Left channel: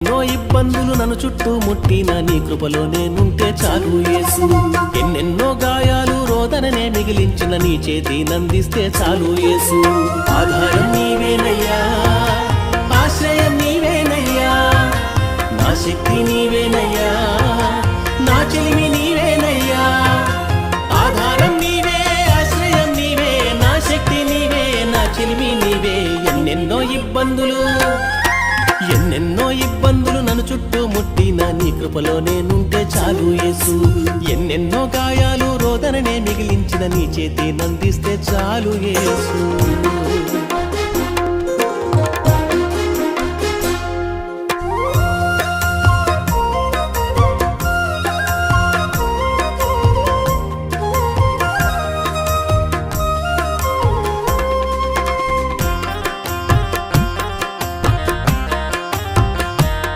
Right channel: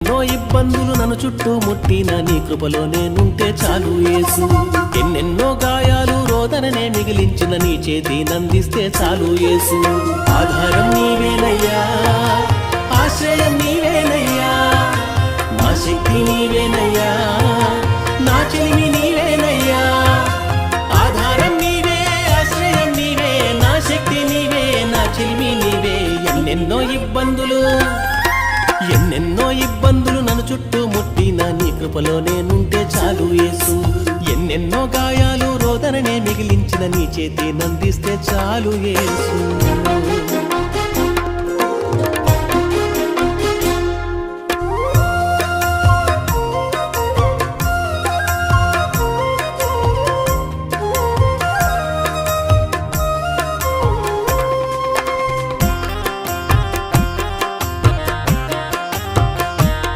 ఎన్నో ఇబ్బందులు నన్ను చుట్టూ ముట్టిన నీ కృపలో నేనుంటే చాలు యేసు. ఎన్నెన్నో గాయాలు రోదననే మిగిలించిన నీ చేతి నందిస్తే చాలు యేసు. ఆధారం నీవేనయ్యా, ఆశ్రయం నీవేనయ్యా, నా శక్తి నీవేనయ్యా, నా చెలిమి నీవేనయ్యా. ఆధారం నీవే, ఆశ్రయం నీవే, నా శక్తి నీవే, నా చెలిమి నీవే. ఎన్నెన్నో ఇబ్బందులు నన్ను చుట్టూ ముట్టిన నీ కృపలో నేనుంటే చాలు యేసు. ఎన్నెన్నో గాయాలు రోదననే మిగిలించిన నీ చేతి నందిస్తే చాలు యేసు.